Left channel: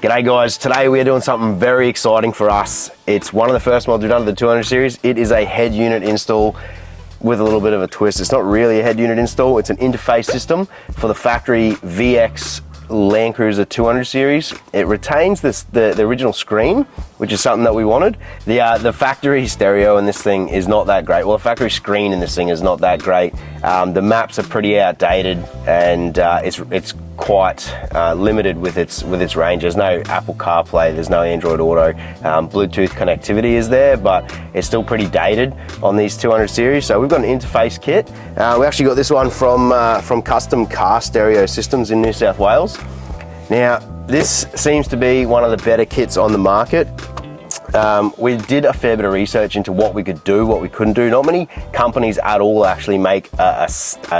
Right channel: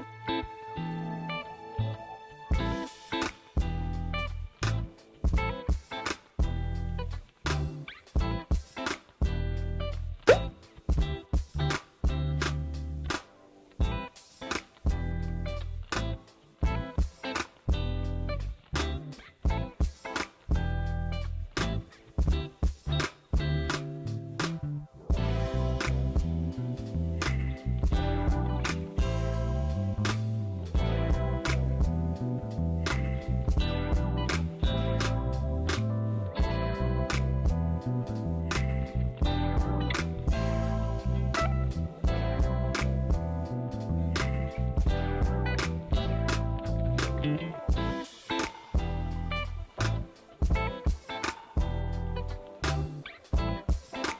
G'day guys, today we are doing something very exciting for us. It's one of the first mods we've done to the 200 series. It is a head unit install with a little bit of a twist. It's not really a head unit install, it's an interface system for the factory VX Landcruiser 200 series. It retains the original screen, which is something that we wanted. The factory stereo in this thing is not that great. Well, the factory screen in this thing is not that great. The maps are pretty outdated, and it's quite limited with its range. There's no Apple CarPlay, there's no Android Auto. Bluetooth connectivity is there, but it's still pretty dated on these 200 series. So we've got an interface kit. We actually got this one from Custom Car Stereo Systems in New South Wales. Now, this seems to be one of the better kits on the market. We did a fair bit of research into what we could do, what we couldn't do. Not many companies at all actually make a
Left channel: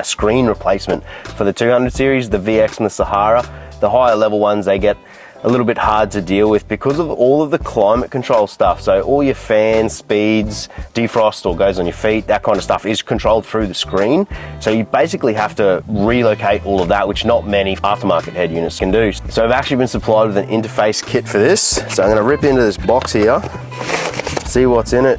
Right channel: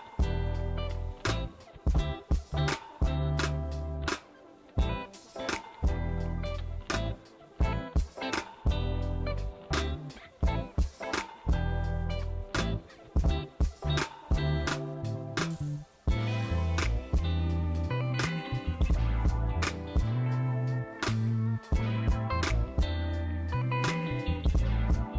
screen replacement for the 200 series, the VX and the Saharah. The higher level ones, they get a little bit hard to deal with because of all of the climate control stuff. So all your fans, speeds, defrost or goes on your feet, that kind of stuff is controlled through the screen. So you basically have to relocate all of that, which not many aftermarket head units can do. So I've actually been supplied with an interface kit for this. So I'm gonna rip into this box here, see what's in it.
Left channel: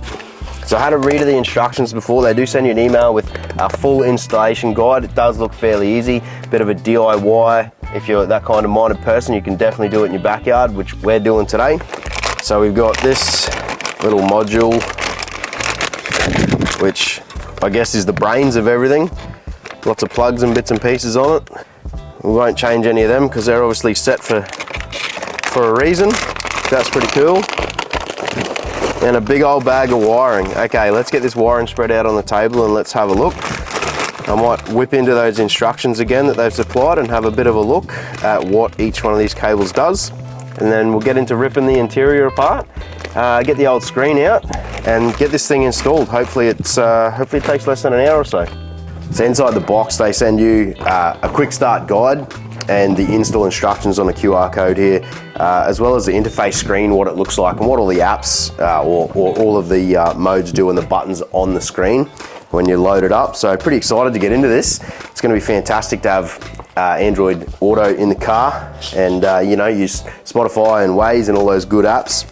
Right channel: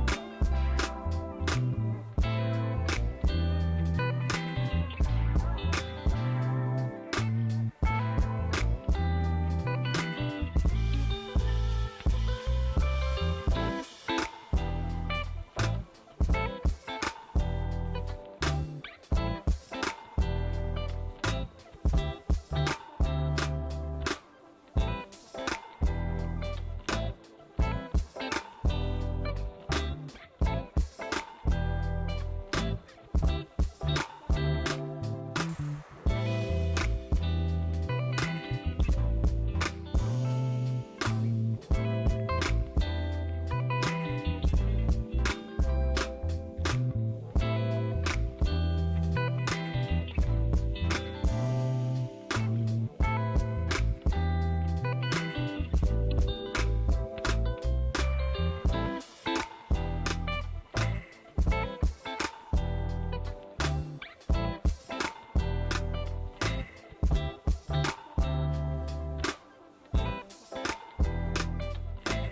So I had a read of the instructions before. They do send you an email with a full installation guide. It does look fairly easy, bit of a DIY. If you're that kind of minded person, you can definitely do it in your backyard, which we're doing today. So we've got this little module, which I guess is the brains of everything. Lots of plugs and bits and pieces on it. We won't change any of them because they're obviously set for a reason. That's pretty cool. And a big old bag of wiring. Okay, let's get this wiring spread out on the table and let's have a look. I might whip into those instructions again that they've supplied and have a bit of a look at what each one of these cables does. And then we'll get into ripping the interior apart, get the old screen out and get this thing installed. Hopefully it takes less than an hour or so. So inside the box, they send you a quick start guide and the install instructions on a QR code here, as well as the interface screen, what it looks like and what all the apps or all of the modes do and the buttons on the screen when you load it up. So pretty excited to get into this. It's gonna be fantastic to have Android Auto in the car and use Spotify and Waze and all those good apps.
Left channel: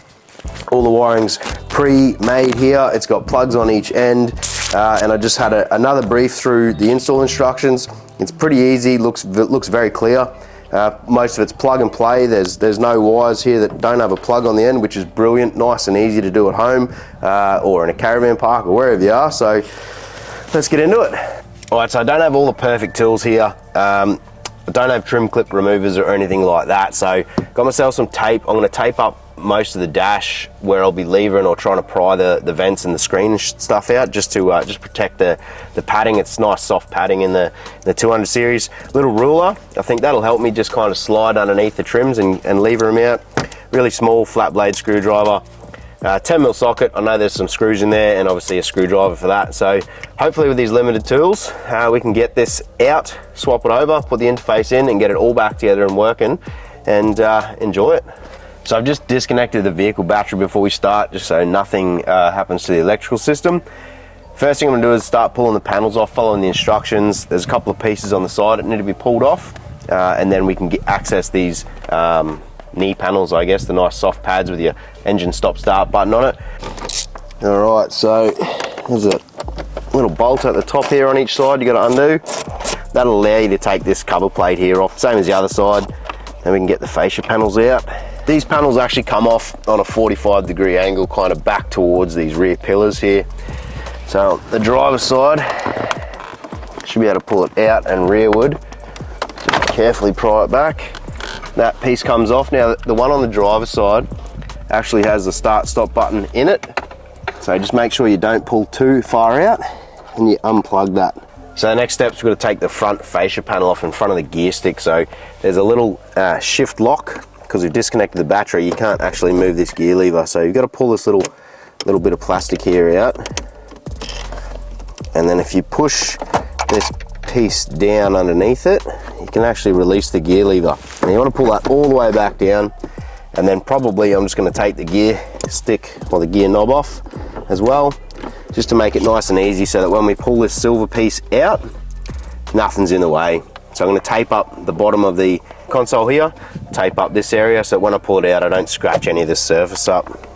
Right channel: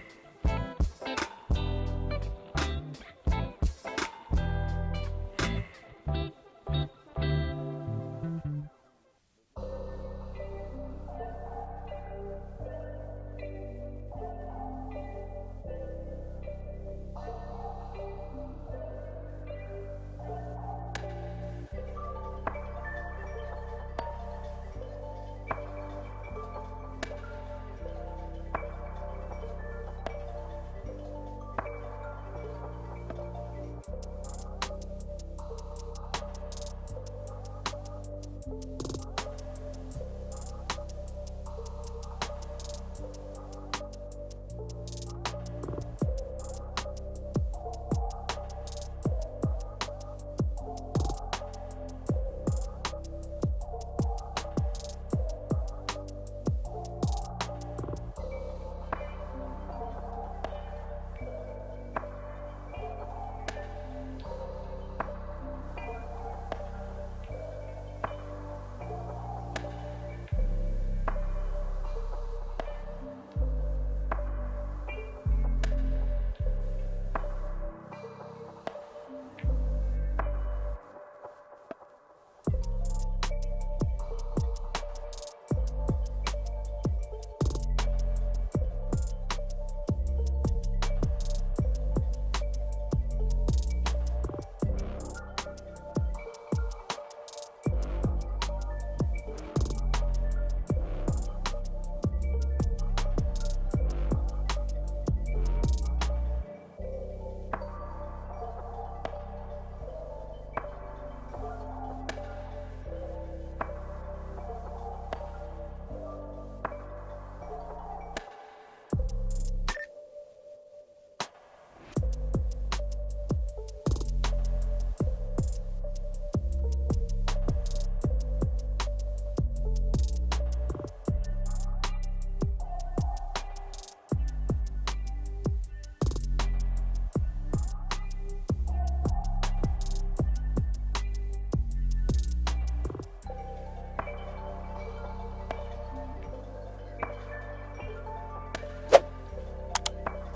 All the wiring's pre-made here. It's got plugs on each end. And I just had another brief through the install instructions. It's pretty easy, looks very clear. Most of it's plug and play. There's no wires here that don't have a plug on the end, which is brilliant, nice and easy to do at home or in a caravan park or wherever you are. So let's get into it. All right, so I don't have all the perfect tools here. I don't have trim clip removers or anything like that. So got myself some tape. I'm gonna tape up most of the dash where I'll be levering or trying to pry the vents and the screen stuff out just to protect the padding. It's nice soft padding in the 200 series. Little ruler, I think that'll help me just kind of slide underneath the trims and lever them out. Really small flat blade screwdriver. 10mm socket, I know there's some screws in there and obviously a screwdriver for that. So hopefully with these limited tools, we can get this out, swap it over, put the interface in and get it all back together and working and enjoy it. So I've just disconnected the vehicle battery before we start, just so nothing happens to the electrical system. First thing I'm gonna do is start pulling the panels off, following the instructions. There's a couple of pieces on the side that need to be pulled off, and then we can access these knee panels, I guess, the nice soft pads with your engine stop-start button on it. All right, so there's a little bolt at the top here on each side you gotta undo. That'll allow you to take this cover plate here off, same as the other side. Then we can get the fascia panels out. These panels actually come off on a 45-degree angle, kind of back towards these rear pillars here. So the driver's side, should be able to pull it out and rearward. Just carefully pry it back. That piece comes off. Now the one on the driver's side actually has the start-stop button in it. So just make sure you don't pull too far out and you unplug that. So the next step is we're going to take the front fascia panel off in front of the gear stick. So there's a little shift lock. Because we've disconnected the battery, you can't actually move this gear lever. So you've got to pull this little bit of plastic here out. And then if you push this piece down underneath it, you can actually release the gear lever. And you want to pull that all the way back down. And then probably I'm just going to take the gear stick or the gear knob off as well, just to make it nice and easy so that when we pull this silver piece out, nothing's in the way. So I'm going to tape up the bottom of the console here, tape up this area so when I pull it out I don't scratch any of this surface up.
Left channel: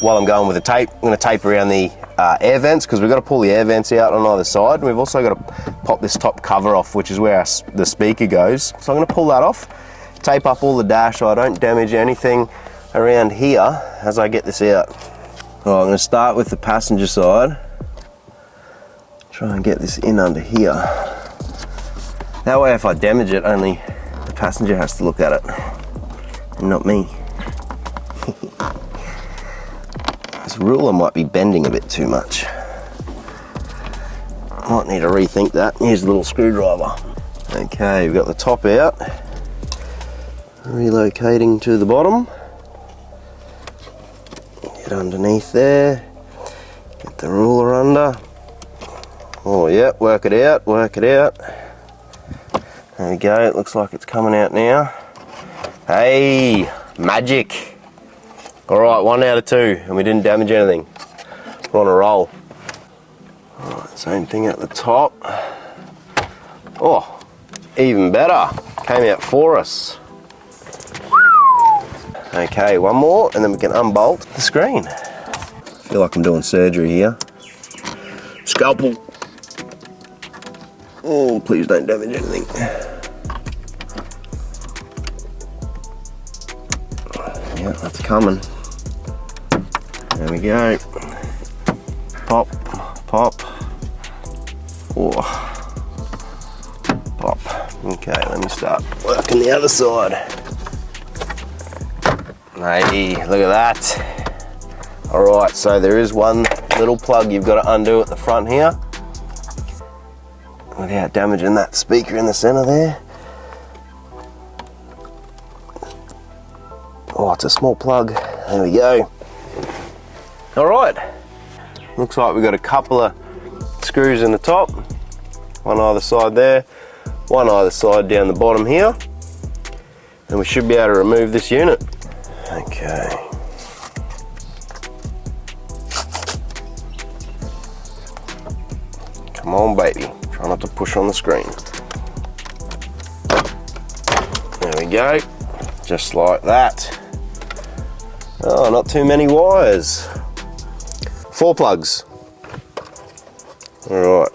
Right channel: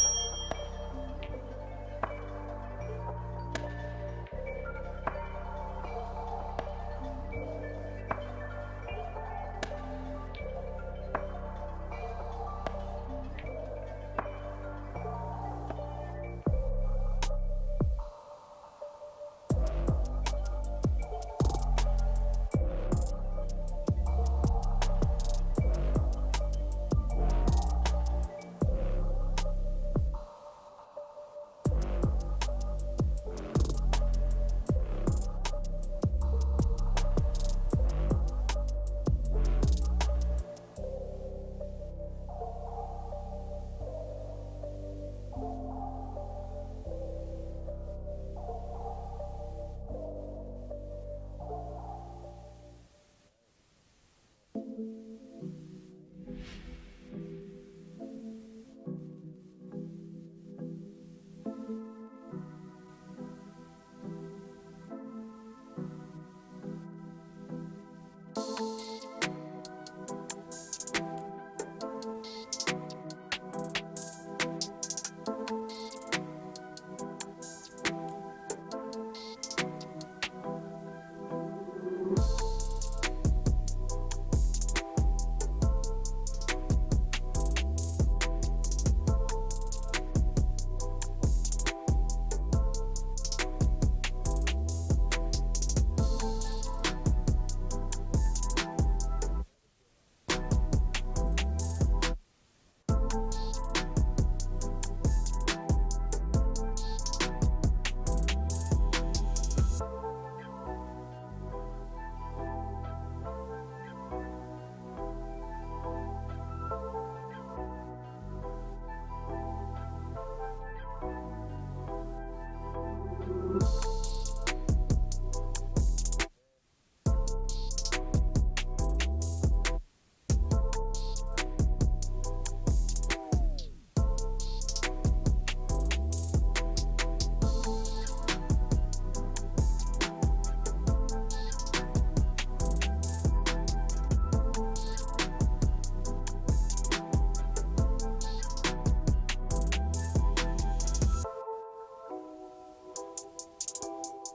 While I'm going with the tape, I'm going to tape around the air vents because we've got to pull the air vents out on either side. And we've also got to pop this top cover off, which is where the speaker goes. So I'm going to pull that off, tape up all the dash so I don't damage anything around here as I get this out. All right, I'm going to start with the passenger side. Try and get this in under here. That way if I damage it, only the passenger has to look at it, and not me. This ruler might be bending a bit too much. Might need to rethink that. Here's a little screwdriver. Okay, we've got the top out. Relocating to the bottom. Get underneath there. Get the ruler under. Oh yeah, work it out, work it out. There we go, it looks like it's coming out now. Hey, magic. All right, 1 out of 2, and we didn't damage anything. We're on a roll. All right, same thing at the top. Oh, even better. Came out for us. Okay, one more, and then we can unbolt the screen. Feel like I'm doing surgery here. Scalpel. Oh, please don't damage anything. Yeah, that's coming. There we go. Pop, pop. Oh. Pop. Okay, let me start working the other side. Hey, look at that. All right, so there is one little plug you've got to undo at the front here without damaging that speaker in the center there. Oh, it's a small plug. There we go. All right. Looks like we've got a couple of screws in the top, one either side there, one either side down the bottom here, and we should be able to remove this unit. Okay. Come on, baby. Try not to push on the screen. There we go. Just like that. Oh, not too many wires. 4 plugs. All right.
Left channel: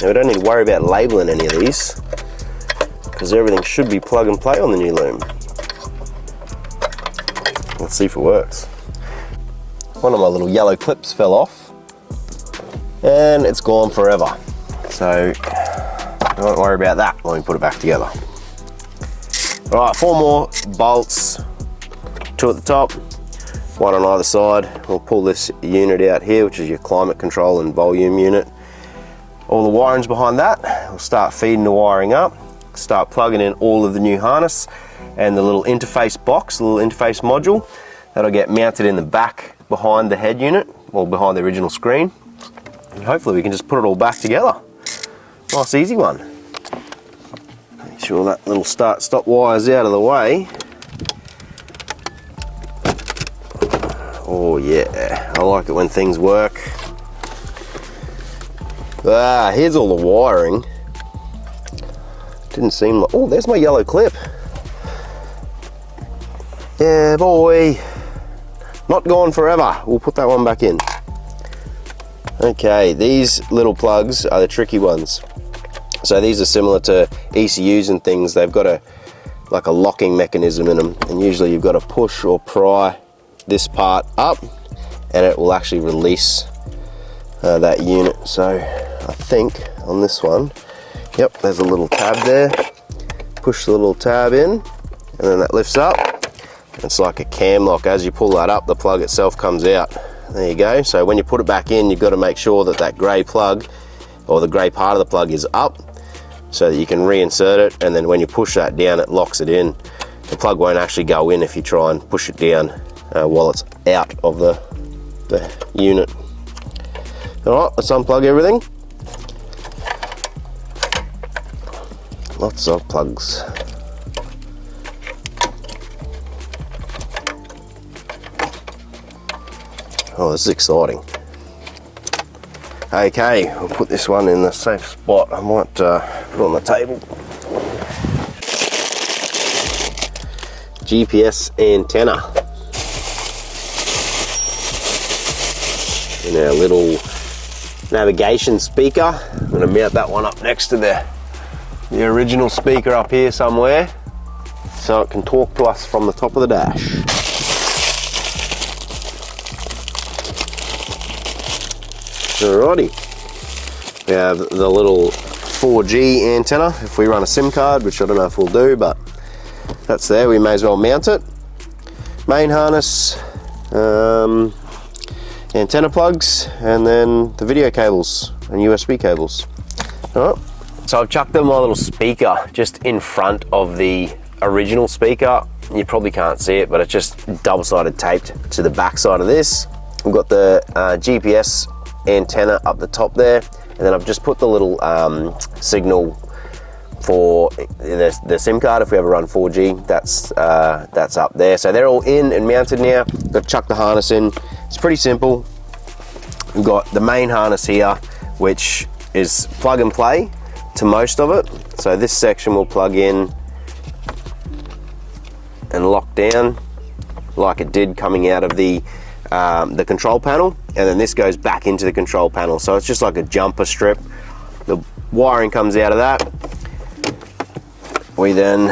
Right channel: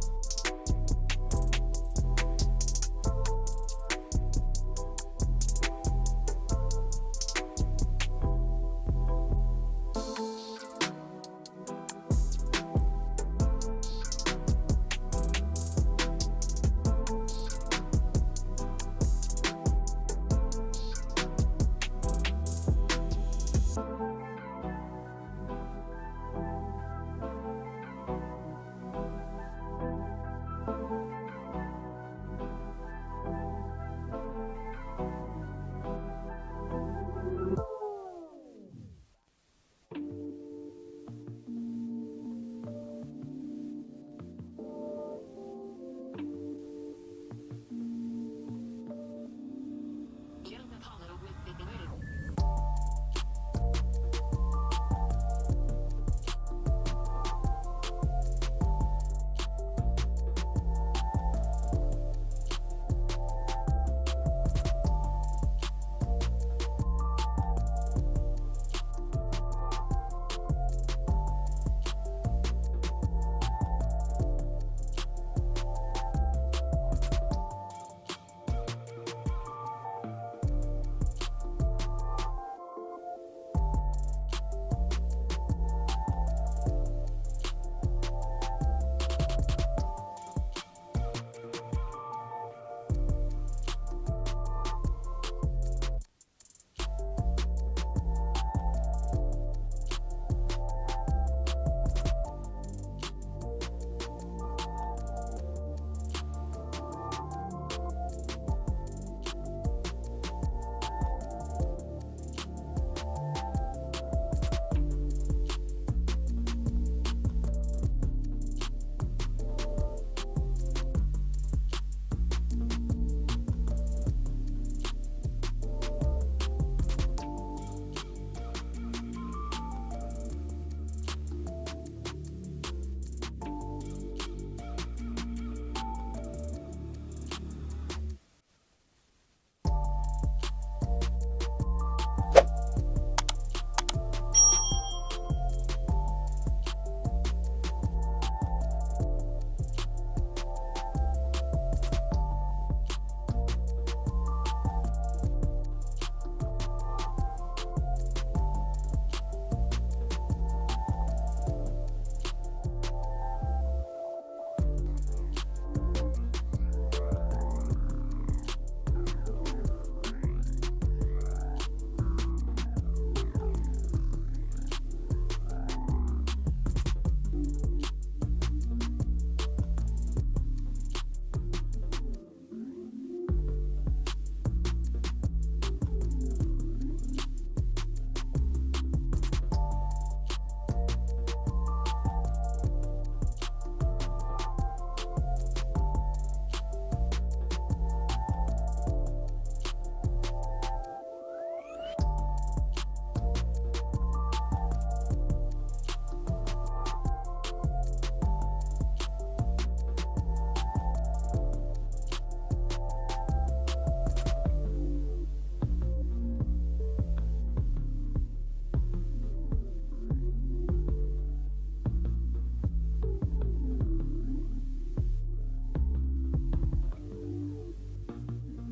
Now we don't need to worry about labeling any of these because everything should be plug and play on the new loom. Let's see if it works. One of my little yellow clips fell off and it's gone forever. So we won't worry about that when we put it back together. All right, 4 more bolts, 2 at the top, 1 on either side. We'll pull this unit out here, which is your climate control and volume unit. All the wiring's behind that. We'll start feeding the wiring up, start plugging in all of the new harness and the little interface box, the little interface module. That'll get mounted in the back behind the head unit, or behind the original screen. And hopefully we can just put it all back together. Nice easy one. Make sure that little start-stop wire's out of the way. Oh yeah, I like it when things work. Ah, here's all the wiring. Didn't seem like, oh, there's my yellow clip. Yeah, boy. Not gone forever. We'll put that one back in. Okay, these little plugs are the tricky ones. So these are similar to ECUs and things. They've got like a locking mechanism in them, and usually you've got to push or pry this part up and it will actually release that unit. So I think on this one, yep, there's a little tab there. Push the little tab in and then that lifts up. It's like a cam lock. As you pull that up, the plug itself comes out. There you go. So when you put it back in, you've got to make sure that that grey plug, or the grey part of the plug, is up so that you can reinsert it, and then when you push that down, it locks it in. The plug won't actually go in if you try and push it down while it's out of the unit. All right, let's unplug everything. Lots of plugs. Oh, this is exciting. Okay, we'll put this one in the safe spot. I might put it on the table. GPS antenna. And our little navigation speaker. I'm going to mount that one up next to the original speaker up here somewhere, so it can talk to us from the top of the dash. Alrighty. We have the little 4G antenna if we run a SIM card, which I don't know if we'll do, but that's there. We may as well mount it. Main harness, antenna plugs, and then the video cables and USB cables. All right. So I've chucked my little speaker just in front of the original speaker. You probably can't see it, but it's just double-sided taped to the back side of this. We've got the GPS antenna up the top there, and then I've just put the little signal for the SIM card if we ever run 4G. That's up there. So they're all in and mounted now. Got to chuck the harness in. It's pretty simple. We've got the main harness here, which is plug and play to most of it. So this section will plug in and lock down like it did coming out of the control panel, and then this goes back into the control panel. So it's just like a jumper strip. The wiring comes out of that. We then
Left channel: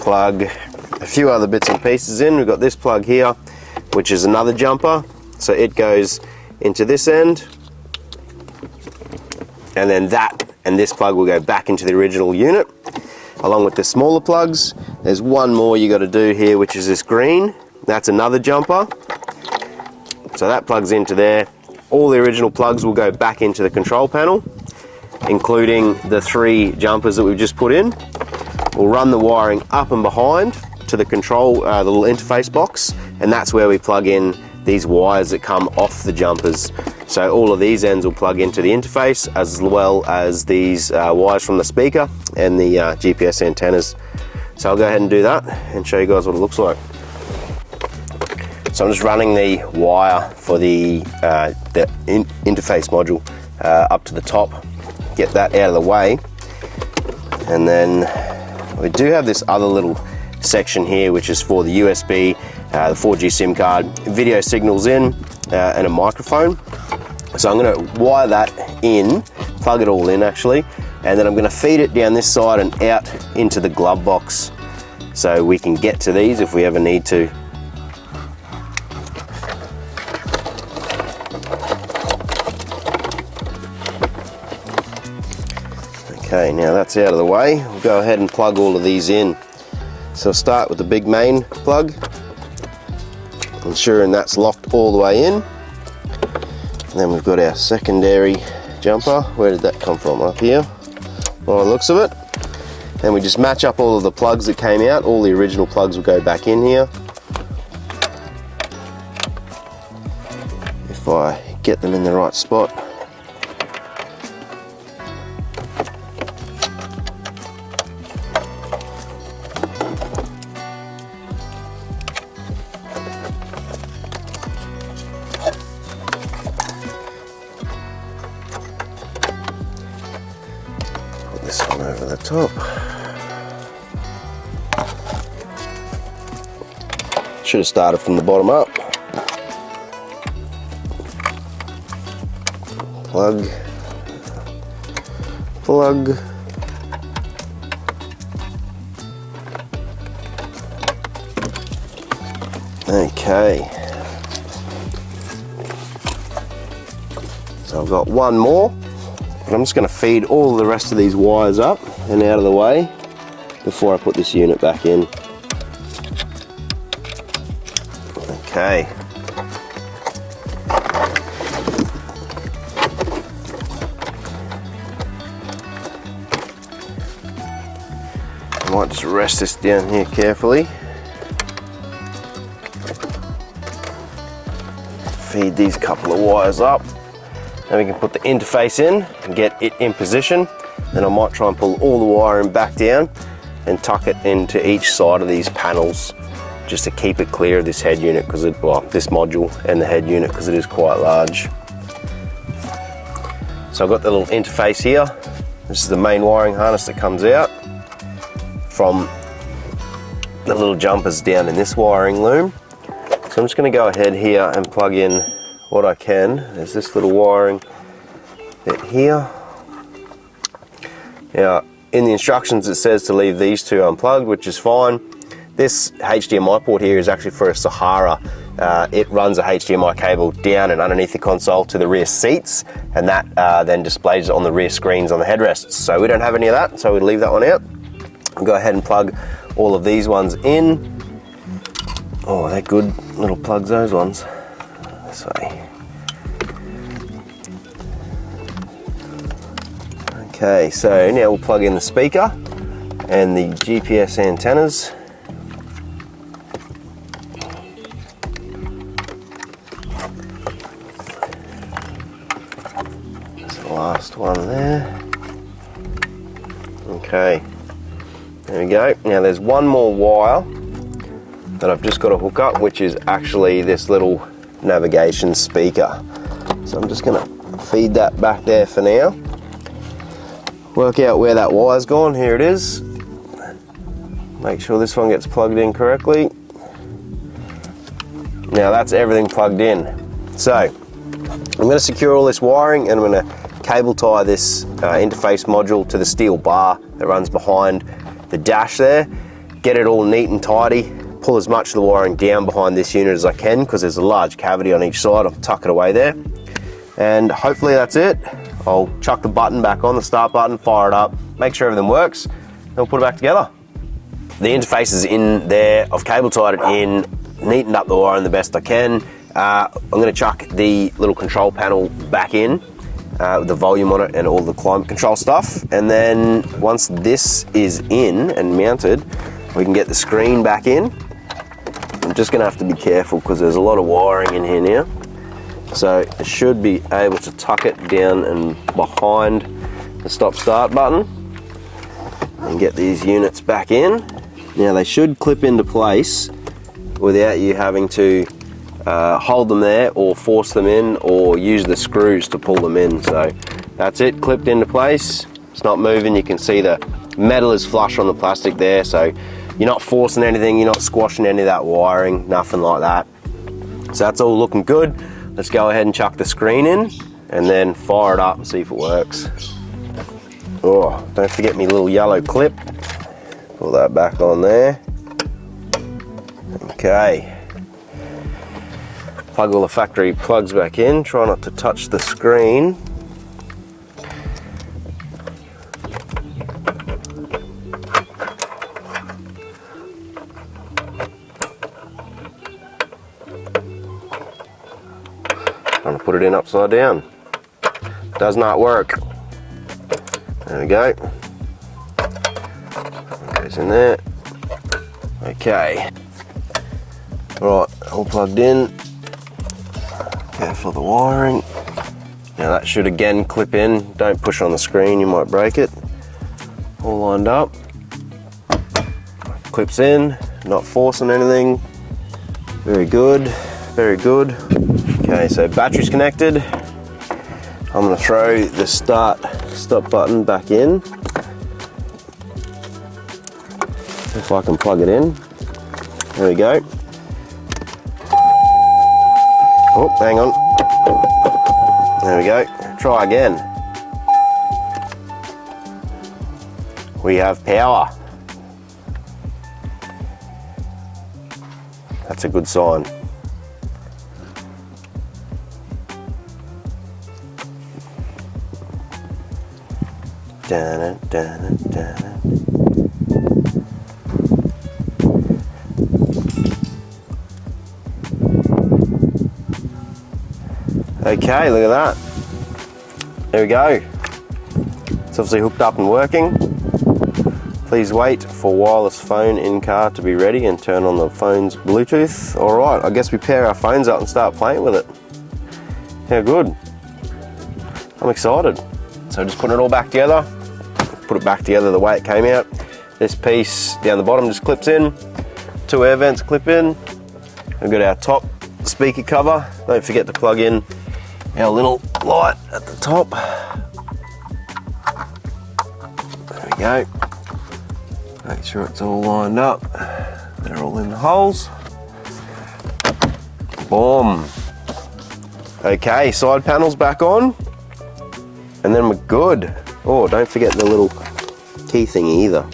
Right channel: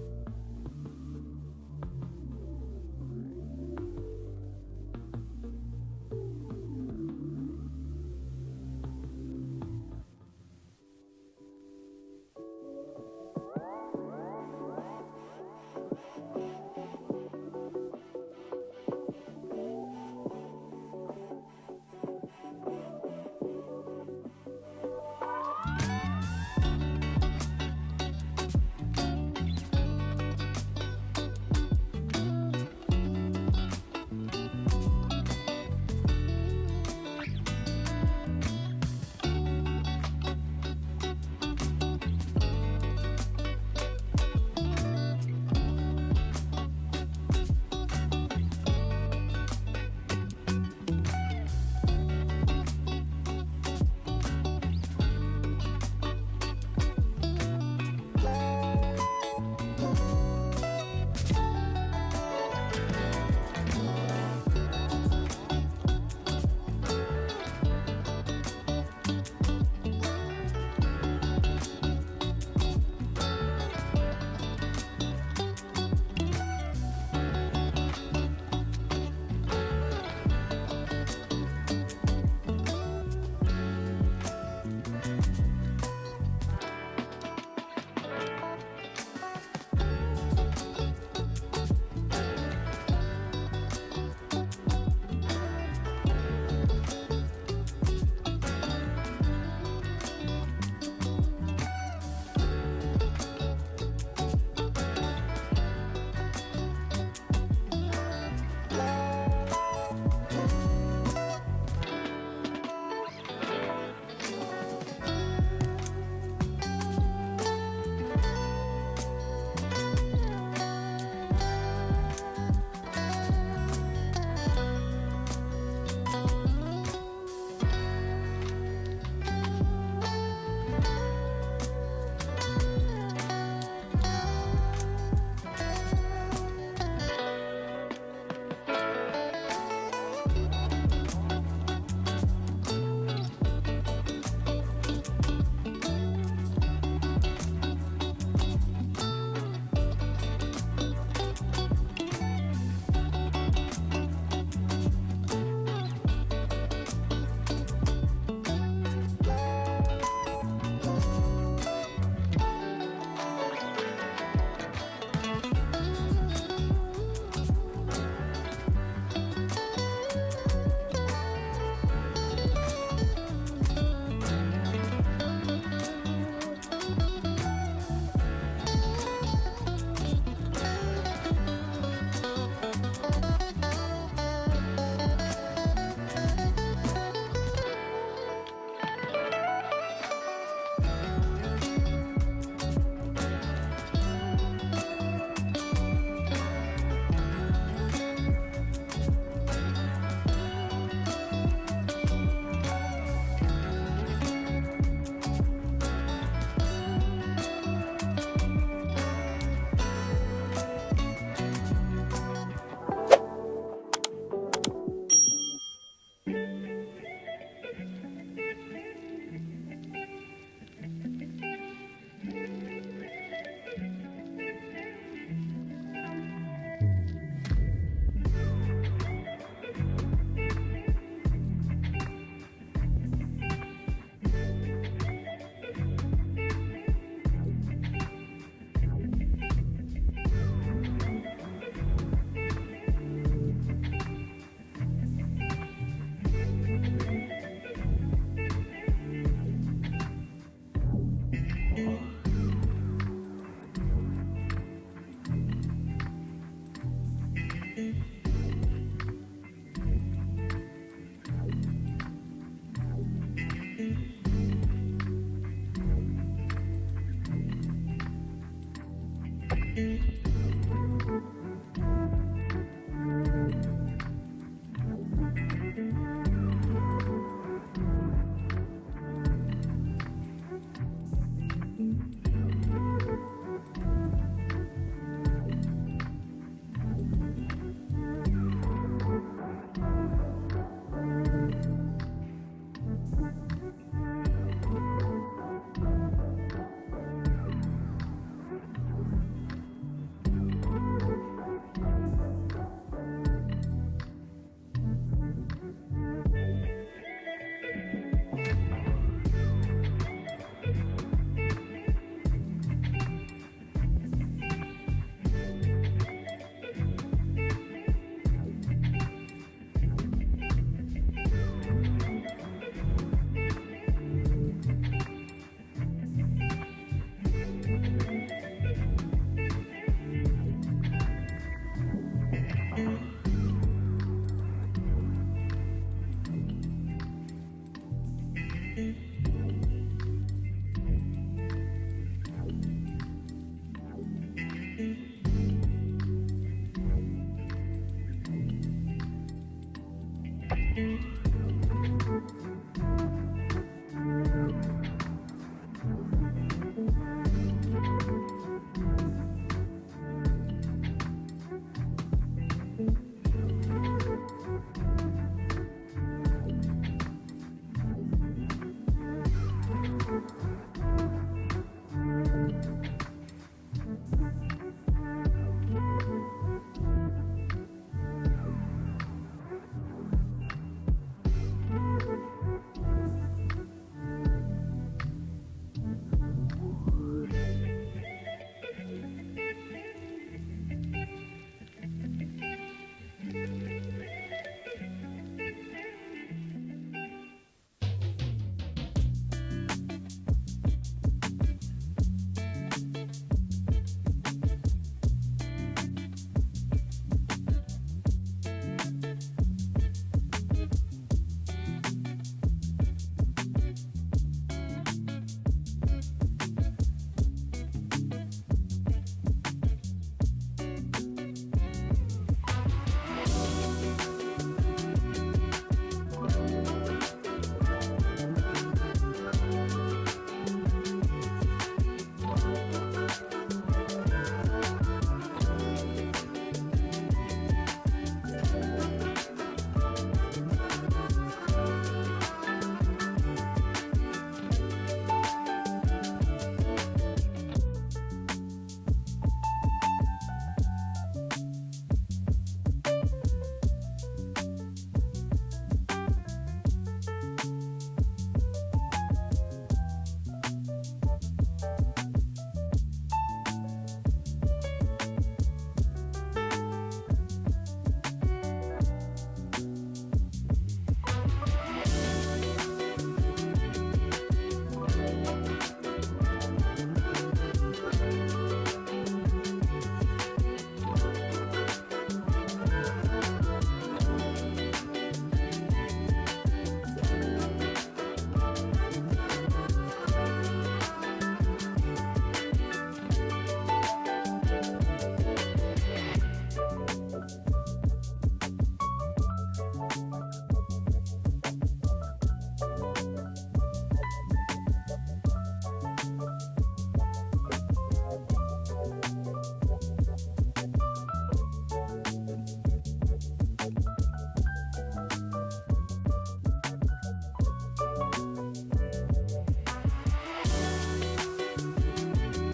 plug a few other bits and pieces in. We've got this plug here, which is another jumper. So it goes into this end, and then that and this plug will go back into the original unit, along with the smaller plugs. There's one more you got to do here, which is this green. That's another jumper. So that plugs into there. All the original plugs will go back into the control panel, including the 3 jumpers that we've just put in. We'll run the wiring up and behind to the control, the little interface box, and that's where we plug in these wires that come off the jumpers. So all of these ends will plug into the interface, as well as these wires from the speaker and the GPS antennas. So I'll go ahead and do that and show you guys what it looks like. So I'm just running the wire for the interface module up to the top, get that out of the way, and then we do have this other little section here, which is for the USB, the 4G SIM card, video signals in, and a microphone. So I'm going to wire that in, plug it all in actually, and then I'm going to feed it down this side and out into the glove box, so we can get to these if we ever need to. Okay, now that's out of the way, we'll go ahead and plug all of these in. So I'll start with the big main plug, ensuring that's locked all the way in. And then we've got our secondary jumper. Where did that come from? Up here, by the looks of it. Then we just match up all of the plugs that came out. All the original plugs will go back in here. If I get them in the right spot. This one over the top. Should have started from the bottom up. Plug, plug. Okay. So I've got one more. I'm just going to feed all the rest of these wires up and out of the way before I put this unit back in. Okay. I might just rest this down here carefully. Feed these couple of wires up. Then we can put the interface in and get it in position. Then I might try and pull all the wiring back down and tuck it into each side of these panels, just to keep it clear of this head unit, because this module and the head unit, because it is quite large. So I've got the little interface here. This is the main wiring harness that comes out from the little jumpers down in this wiring loom. So I'm just going to go ahead here and plug in what I can. There's this little wiring bit here. Now, in the instructions it says to leave these two unplugged, which is fine. This HDMI port here is actually for a Saharah. It runs a HDMI cable down and underneath the console to the rear seats, and that then displays it on the rear screens on the headrests. So we don't have any of that, so we'll leave that one out. I'll go ahead and plug all of these ones in. Oh, they're good little plugs, those ones. This way. Okay, so now we'll plug in the speaker and the GPS antennas. That's the last one there. Okay, there we go. Now there's one more wire that I've just got to hook up, which is actually this little navigation speaker. So I'm just going to feed that back there for now. Work out where that wire's gone. Here it is. Make sure this one gets plugged in correctly. Now that's everything plugged in. So I'm going to secure all this wiring, and I'm going to cable tie this interface module to the steel bar that runs behind the dash there. Get it all neat and tidy. Pull as much of the wiring down behind this unit as I can, because there's a large cavity on each side. I'll tuck it away there. And hopefully that's it. I'll chuck the button back on, the start button, fire it up, make sure everything works, and we'll put it back together. The interface is in there. I've cable tied it in, neatened up the wiring the best I can. I'm going to chuck the little control panel back in with the volume on it and all the climate control stuff. And then once this is in and mounted, we can get the screen back in. I'm just going to have to be careful because there's a lot of wiring in here now. So I should be able to tuck it down and behind the stop-start button and get these units back in. Now they should clip into place without you having to hold them there or force them in or use the screws to pull them in. So that's it, clipped into place. It's not moving. You can see the metal is flush on the plastic there, so you're not forcing anything, you're not squashing any of that wiring, nothing like that. So that's all looking good. Let's go ahead and chuck the screen in and then fire it up and see if it works. Oh, don't forget me little yellow clip. Pull that back on there. Okay. Plug all the factory plugs back in. Try not to touch the screen. Trying to put it in upside down. Does not work. There we go. Goes in there. Okay. Right, all plugged in. Careful of the wiring. Now that should again clip in. Don't push on the screen, you might break it. All lined up. Clips in, not forcing anything. Very good, very good. Okay, so battery's connected. I'm going to throw the stop button back in. If I can plug it in. There we go. Oh, hang on. There we go. Try again. We have power. That's a good sign. Dun, dun, dun. Okay, look at that. There we go. It's obviously hooked up and working. Please wait for wireless phone in car to be ready and turn on the phone's Bluetooth. All right, I guess we pair our phones up and start playing with it. Yeah, good. I'm excited. So just putting it all back together. Put it back together the way it came out. This piece down the bottom just clips in. 2 air vents clip in. We've got our top speaker cover. Don't forget to plug in our little light at the top. There we go. Make sure it's all lined up. They're all in the holes. Boom. Okay, side panels back on. And then we're good. Oh, don't forget the little key thingy either.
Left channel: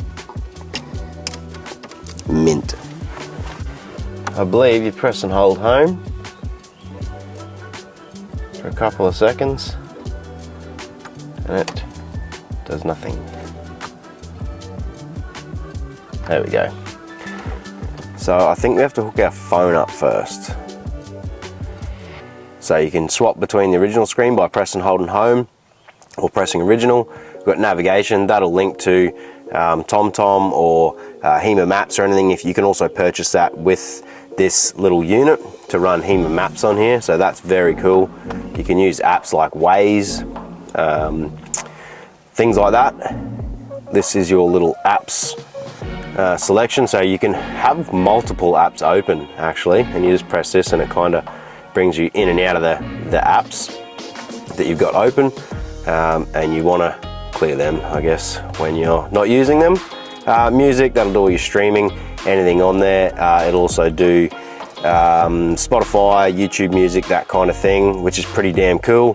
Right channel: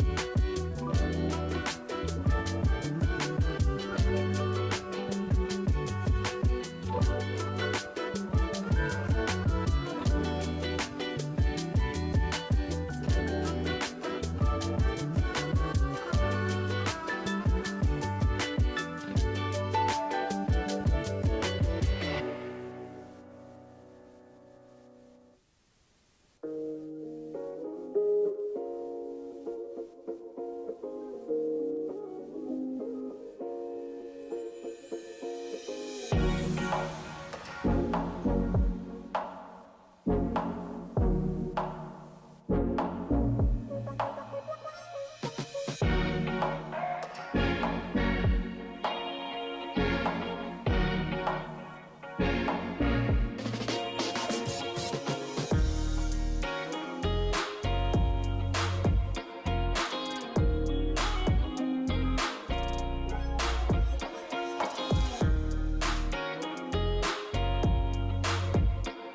Mint. I believe you press and hold home for a couple of seconds and it does nothing. There we go. So I think we have to hook our phone up first. So you can swap between the original screen by pressing holding home or pressing original. We've got navigation, that'll link to TomTom or HEMA Maps or anything. If you can also purchase that with this little unit to run HEMA Maps on here, so that's very cool. You can use apps like Waze, things like that. This is your little apps selection, so you can have multiple apps open actually, and you just press this and it kind of brings you in and out of the apps that you've got open, and you want to clear them, I guess, when you're not using them. Music, that'll do all your streaming, anything on there. It'll also do Spotify, YouTube Music, that kind of thing, which is pretty damn cool.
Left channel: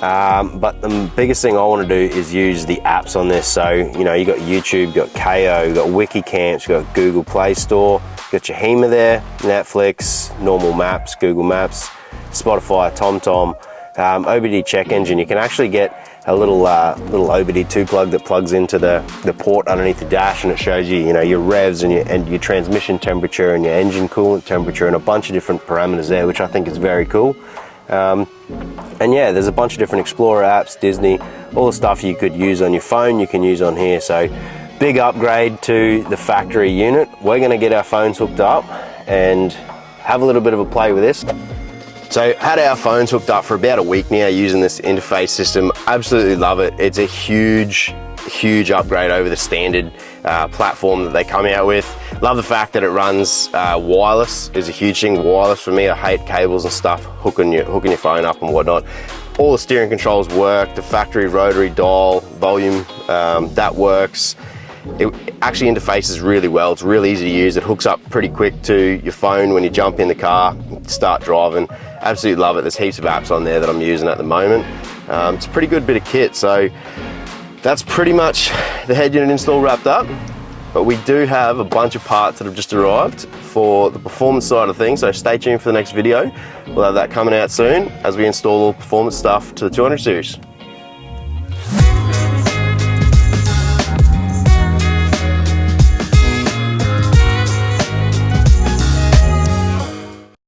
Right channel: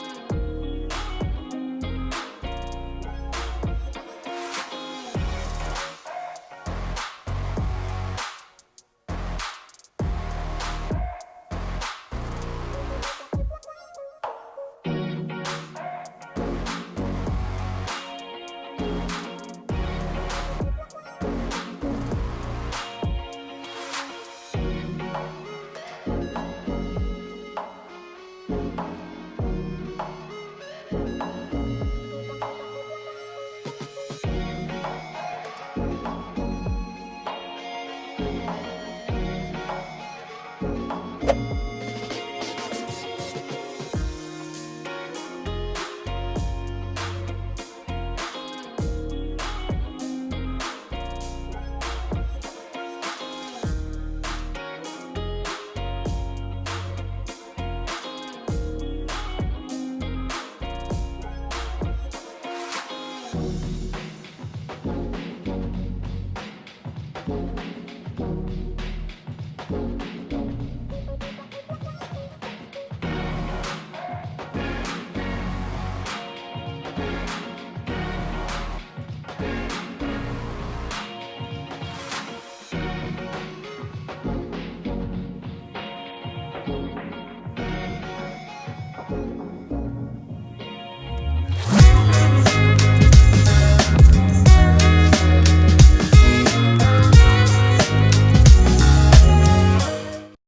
But the biggest thing I want to do is use the apps on this. So, you know, you got YouTube, you got KO, you got Wikicamps, you got Google Play Store, you got your HEMA there, Netflix, normal maps, Google Maps, Spotify, TomTom, OBD check engine. You can actually get a little OBD2 plug that plugs into the port underneath the dash, and it shows you, your revs and your transmission temperature and your engine coolant temperature and a bunch of different parameters there, which I think is very cool. And yeah, there's a bunch of different Explorer apps, Disney, all the stuff you could use on your phone, you can use on here. So big upgrade to the factory unit. We're gonna get our phones hooked up and have a little bit of a play with this. So had our phones hooked up for about a week now using this interface system. Absolutely love it. It's a huge upgrade over the standard platform that they come out with. Love the fact that it runs wireless is a huge thing. Wireless for me, I hate cables and stuff, hooking your phone up and whatnot. All the steering controls work, the factory rotary dial, volume, that works. It actually interfaces really well. It's really easy to use. It hooks up pretty quick to your phone when you jump in the car, start driving. Absolutely love it. There's heaps of apps on there that I'm using at the moment. It's a pretty good bit of kit. So that's pretty much the head unit install wrapped up. But we do have a bunch of parts that have just arrived for the performance side of things. So stay tuned for the next video. We'll have that coming out soon as we install all performance stuff to the 200 series.